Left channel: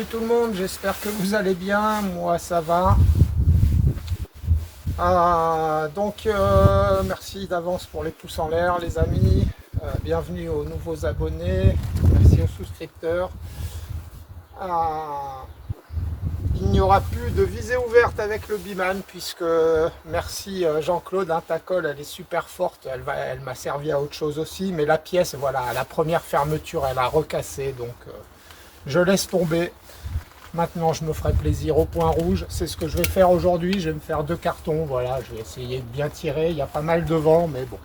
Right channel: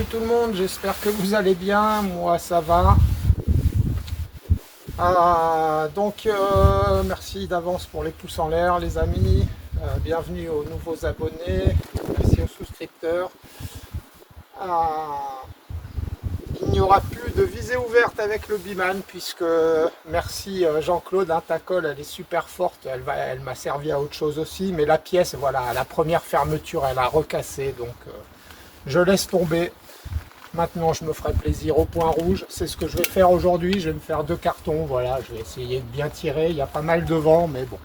Salut tout le monde, j'espère que vous allez bien, moi ça va. Merci d'avance pour les pouces en l'air les amis. Bienvenue aux nouveaux abonnés, merci aux souscripteurs. Il n'y aura plus de visée ouverte avec le Biman puisque, merci Jean-Claude, ta colle elle est super forte, elle m'a servi à autre chose aussi, mais la pièce, voilà, à la première fermeture elle a recassé, donc je laisse tomber. Maintenant, je me ferai plaisir au point rouge. C'est ce que je vais faire aujourd'hui. Je vais me faire 2 cartons. Voilà, je vais essayer de bien tirer. Il y a pas mal de vent, mais bon.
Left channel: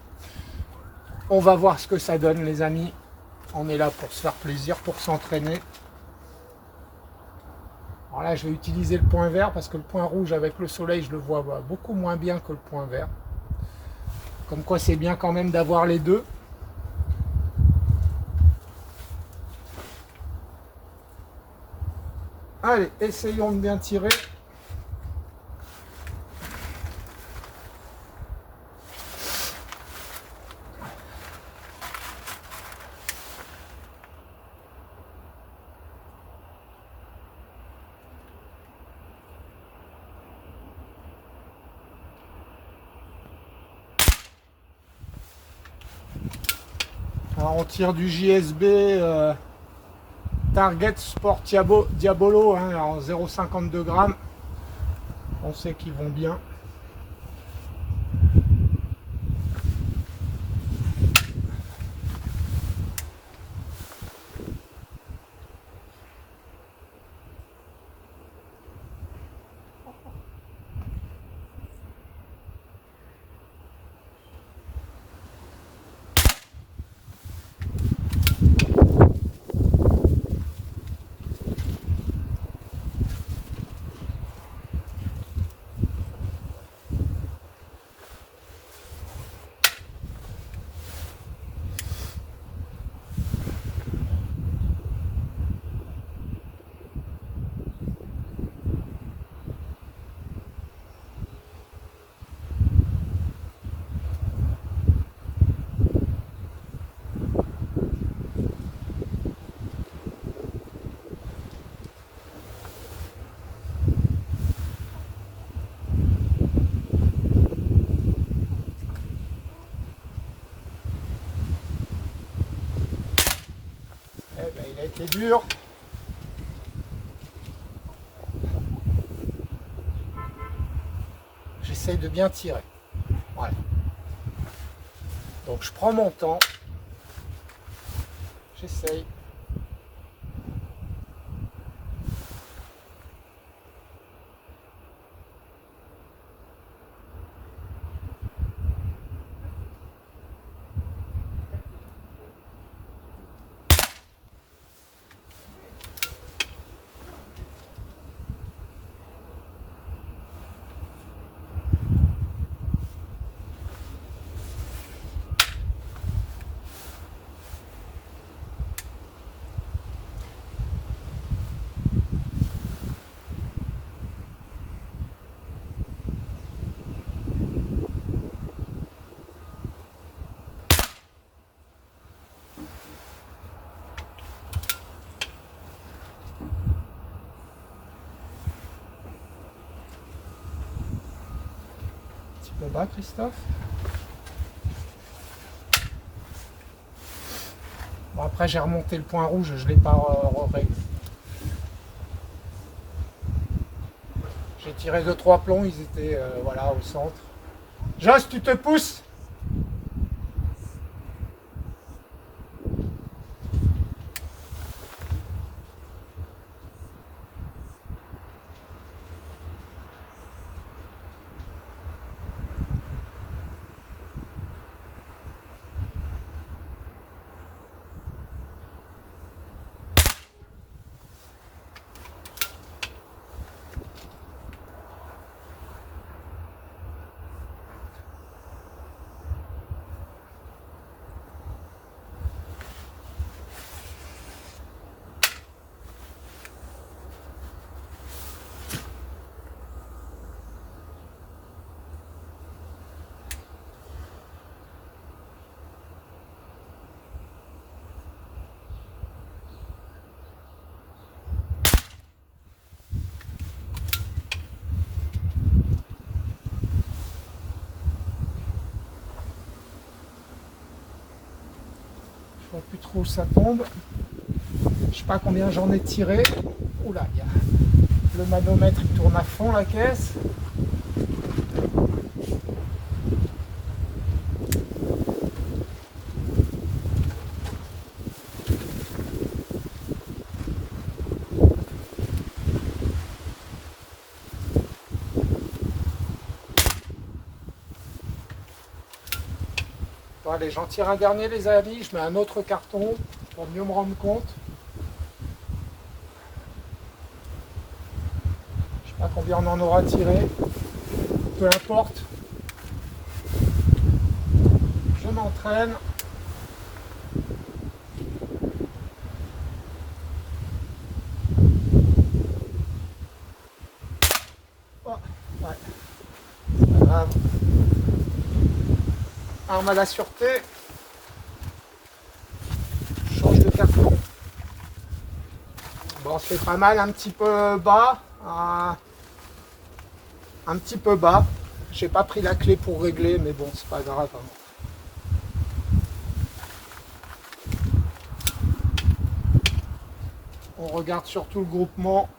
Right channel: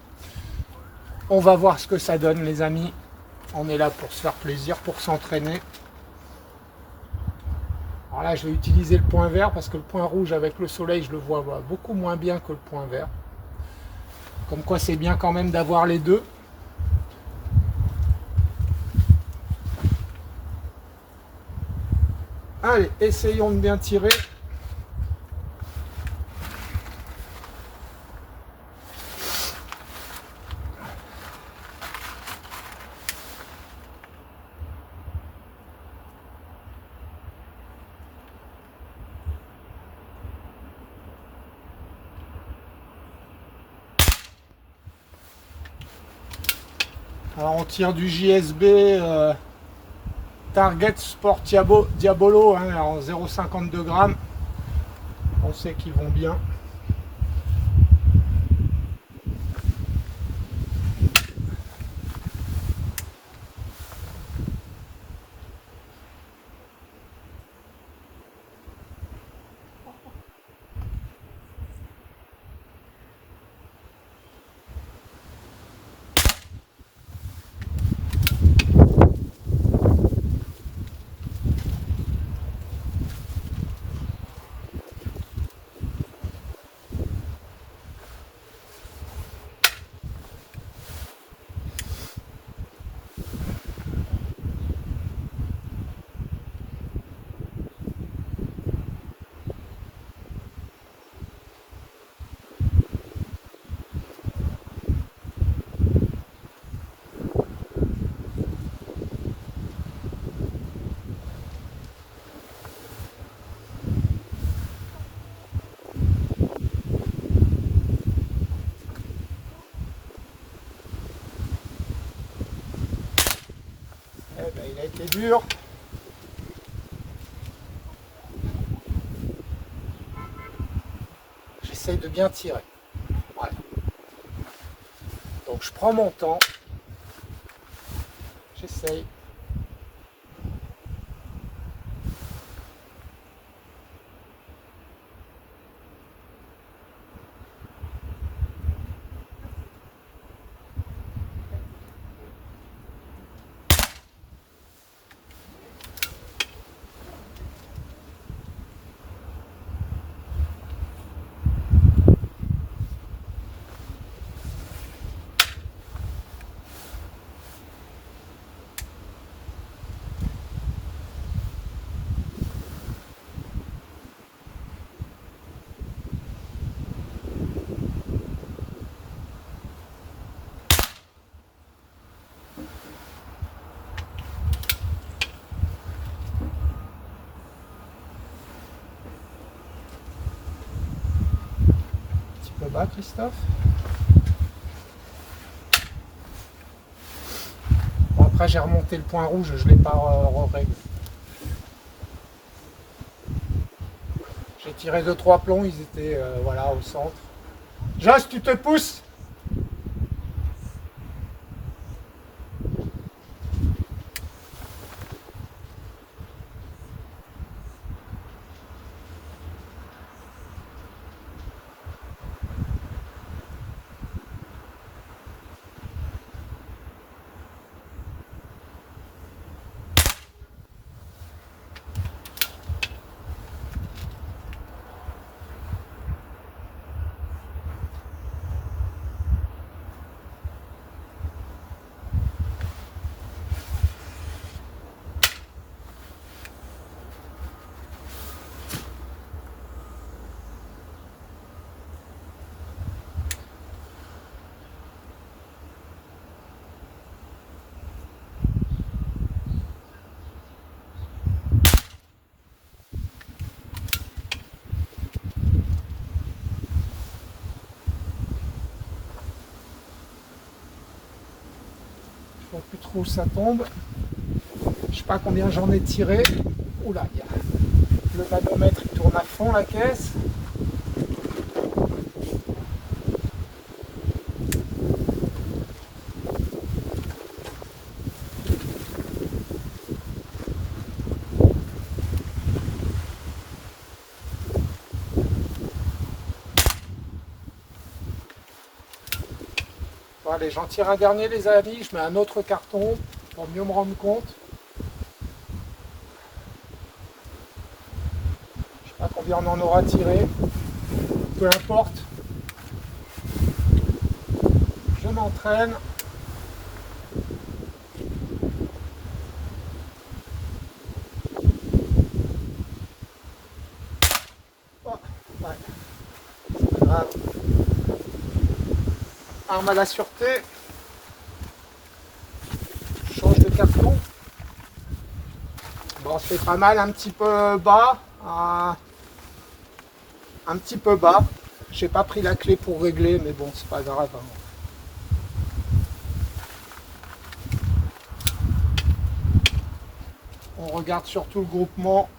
On va voir ce que ça donne, les amis. On est là pour se faire plaisir, pour s'entraîner. Alors là, je vais utiliser le point vert parce que le point rouge, avec le soleil, je le vois beaucoup moins bien que le point vert. Comme quoi, c'est bien quand même d'avoir les deux. Allez, essayons de bien tirer. Alors, on tire du JSB Target Sport Diabolo en 0,52 grammes. On sait qu'ils vont bien. Eh ben, il a été dur. J'essaye de bien tirer. Voilà. Donc je prends mon temps. J'essaye. Un petit peu bas, Christophe. Bon, après, j'ai remonté le point rouge, je ne l'ai pas réglé. J'ai tiré 2-3 plombs, ils étaient voilà, au centre. Joss, tu te pousses? plus trop où ça tombe. Je sais pas combien j'en ai tiré. Oula, il y a le manomètre qui tourne à fond la caisse. Bon, allez, j'en tire un dernier les amis, je mets un autre carton pour mieux me rendre compte. Je sais pas combien on en aura tiré. Peu importe. Je m'entraîne. Oh, ouais. C'est pas grave. Arme à la sûreté. Je change de carton. Bon, c'est pas mal, un petit peu bas. Un petit peu bas. J'ai pas pris la clé pour régler, mais bon, c'est pas grave. Hein. On regarde surtout le groupement.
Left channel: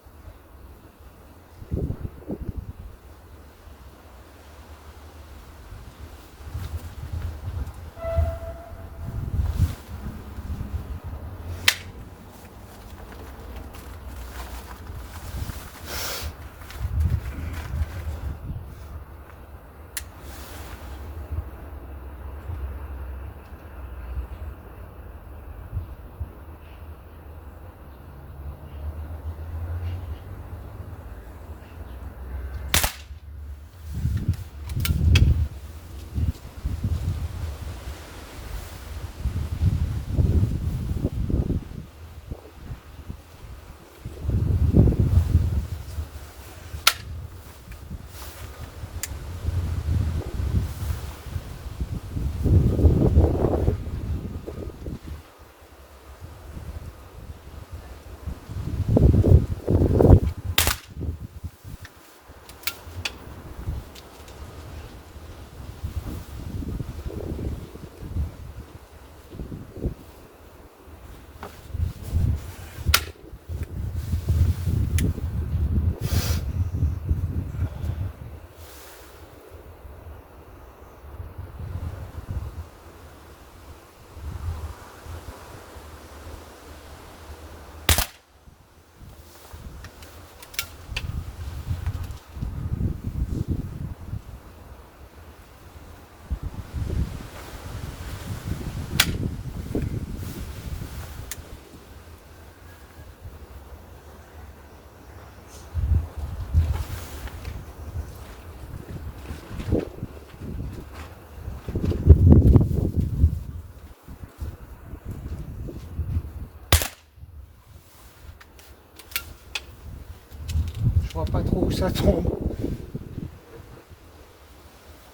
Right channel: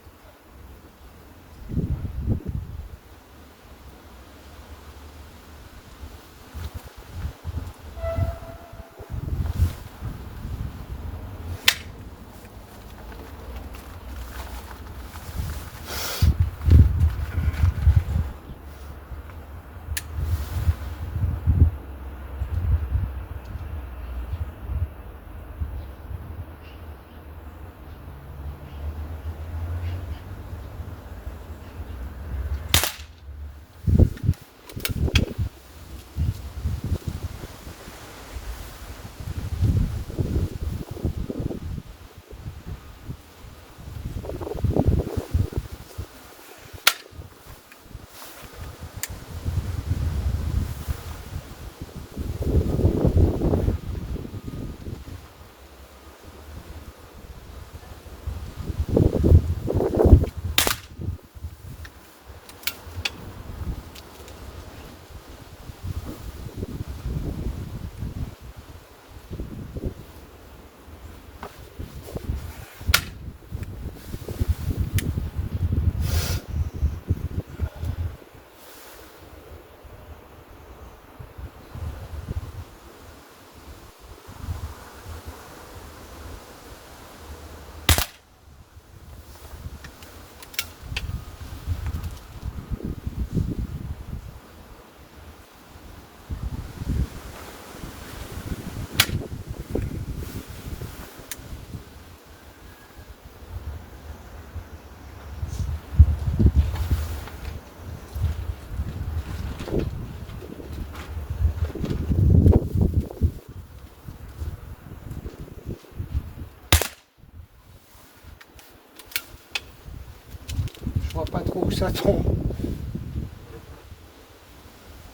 Je vois pas trop où ça tombe.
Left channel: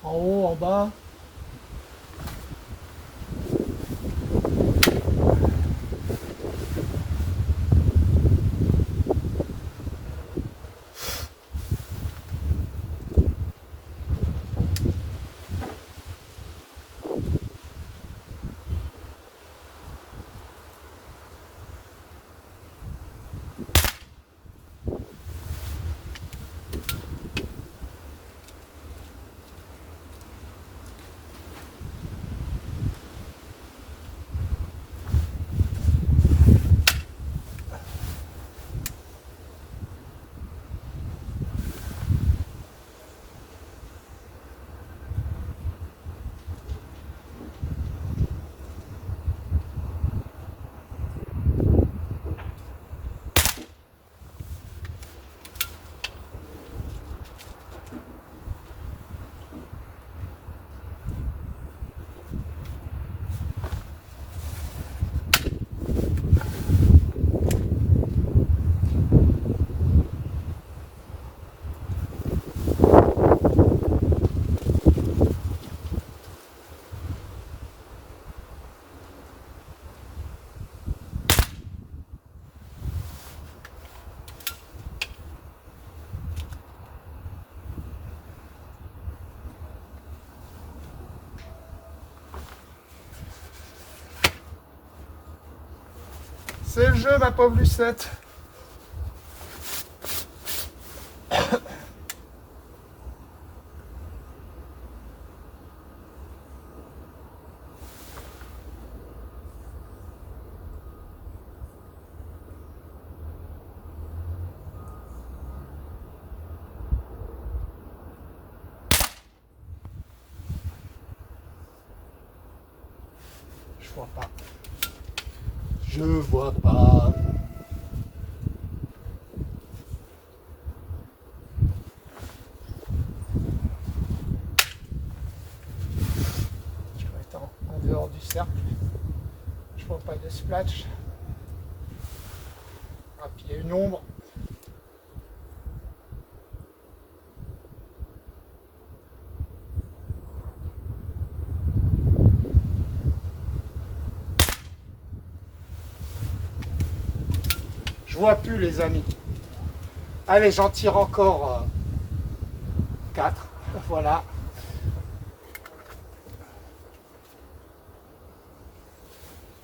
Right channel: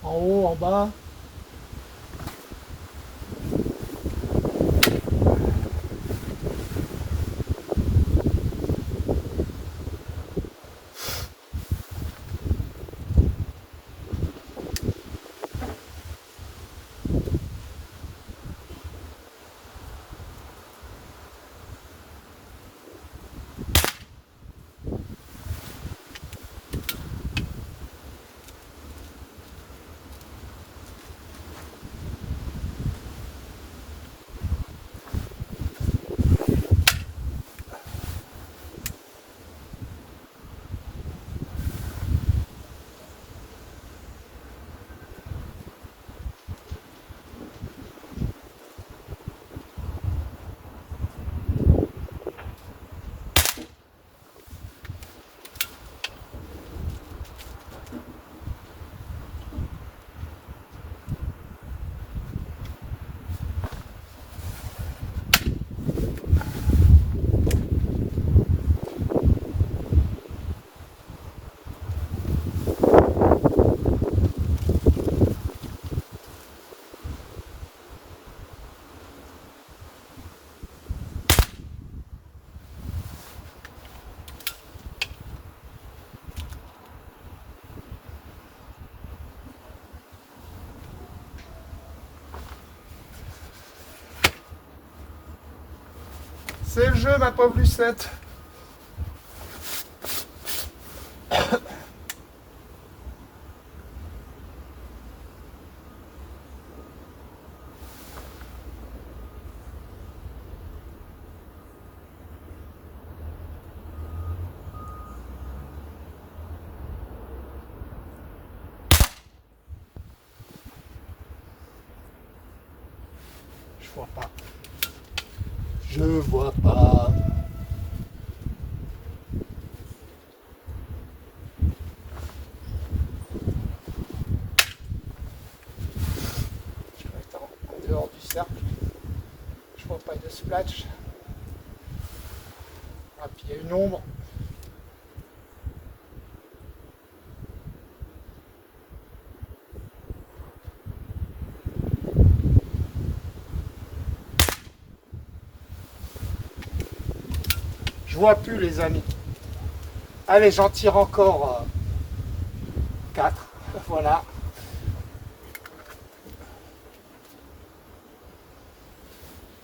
En haut, en bas. C'est le jeu, ma pauvre Lucette. Je vois pas. Je vois pas. Je dois être en dehors du cercle. Je vois pas de splash. Ah, puis il y a une ombre. Je vois plus, les amis. Allez, j'en tire encore 4. Voilà.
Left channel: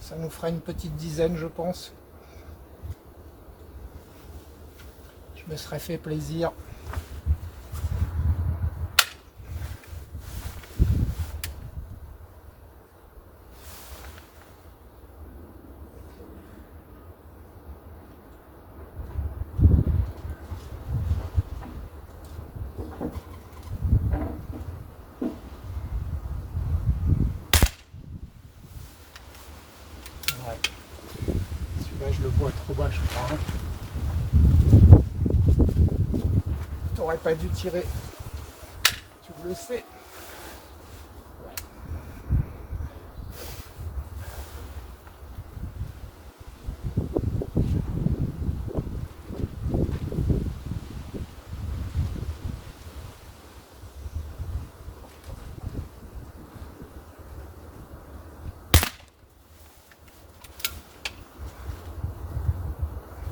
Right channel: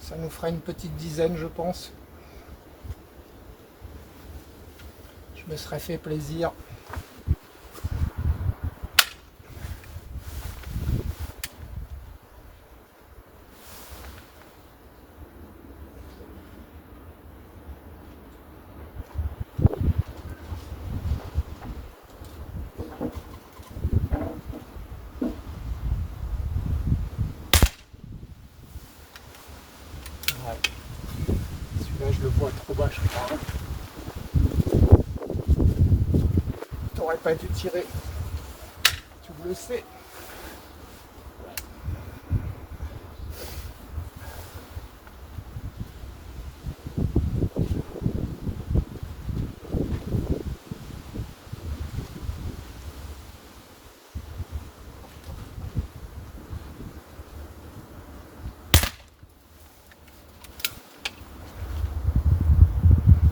Ça nous fera une petite dizaine, je pense. Je me serais fait plaisir. Ouais. Celui-là, je le vois trop bas, je crois. T'aurais pas dû tirer. Tu le sais.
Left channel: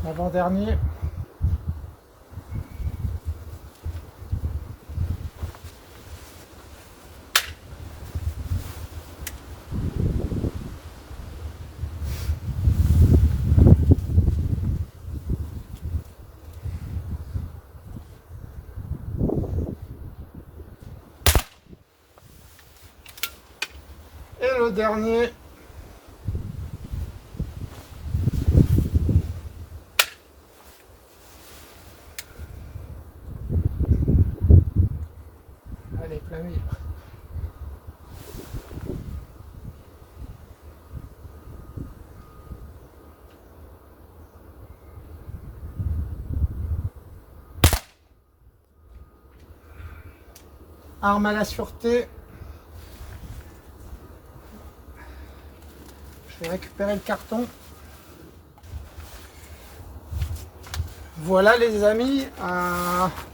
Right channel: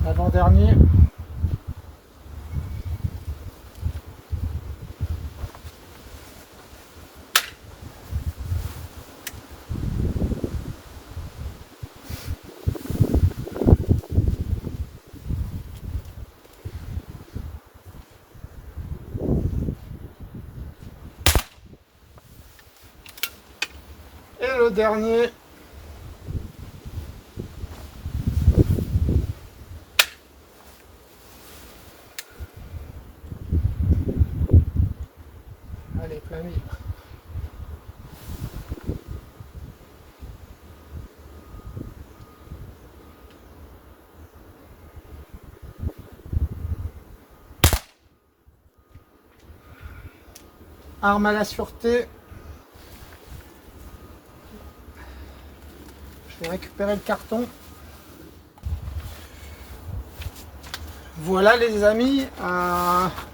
L'avant-dernier. Et le dernier. Allez, plein mille. Arme à la sûreté. Je vais récupérer le carton. Voilà les amis,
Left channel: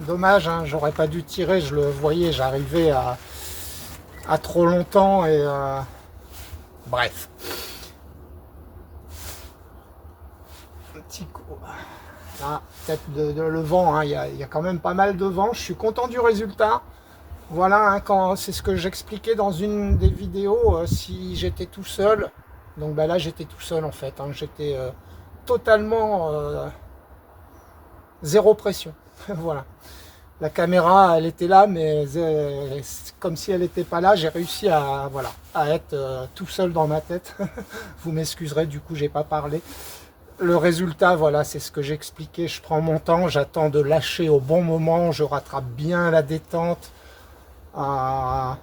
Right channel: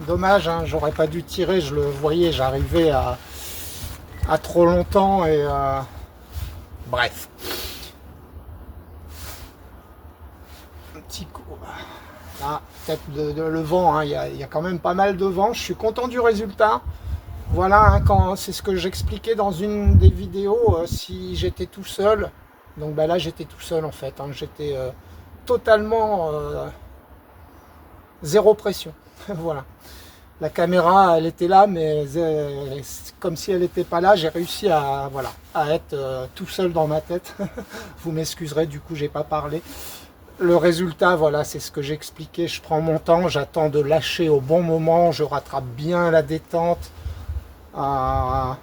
dommage, hein, j'aurais pas dû tirer, je le voyais, j'arrivais à trop longtemps et bref. Un petit coup. Ah, peut-être le vent, hein, il y a quand même pas mal de vent, je suis content du résultat. Voilà, hein, c'est ce que j'expliquais dans une des vidéos, si j'étais tout seul. Donc bah, là j'étais tout seul en fait, hein, j'étais totalement zéro pression. Voilà. La caméra, elle était là, mais comme si elle n'était pas là, j'ai réussi à, voilà, à être tout seul dans ma tête. Vous m'excuserez, du coup, j'ai pas parlé. Le résultat, voilà, c'est ce que j'expliquais. Je prends mon temps, j'attends de lâcher au bon moment, je rattrape bien la détente. Voilà.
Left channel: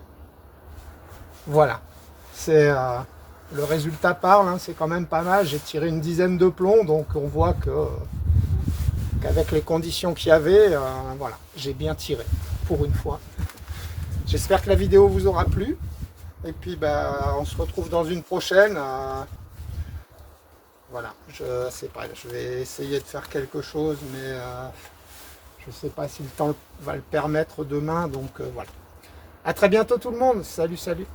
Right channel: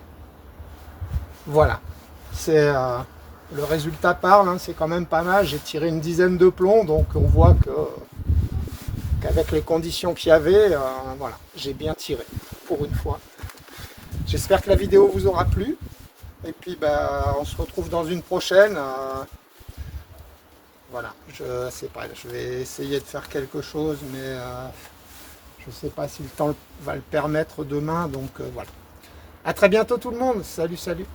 C'est le résultat parle, hein, c'est quand même pas mal. J'ai tiré une dizaine de plombs, donc on voit qu'avec les conditions qu'il y avait, voilà, j'ai bien tiré pour une fois. J'espère que la vidéo vous aura plu. Et puis bah, on se retrouve dans une prochaine. Voilà, je sais pas, je vais essayer de faire quelque chose, mais je sais pas si le temps va le permettre demain. Donc voilà. À très bientôt tout le monde. Salut, salut.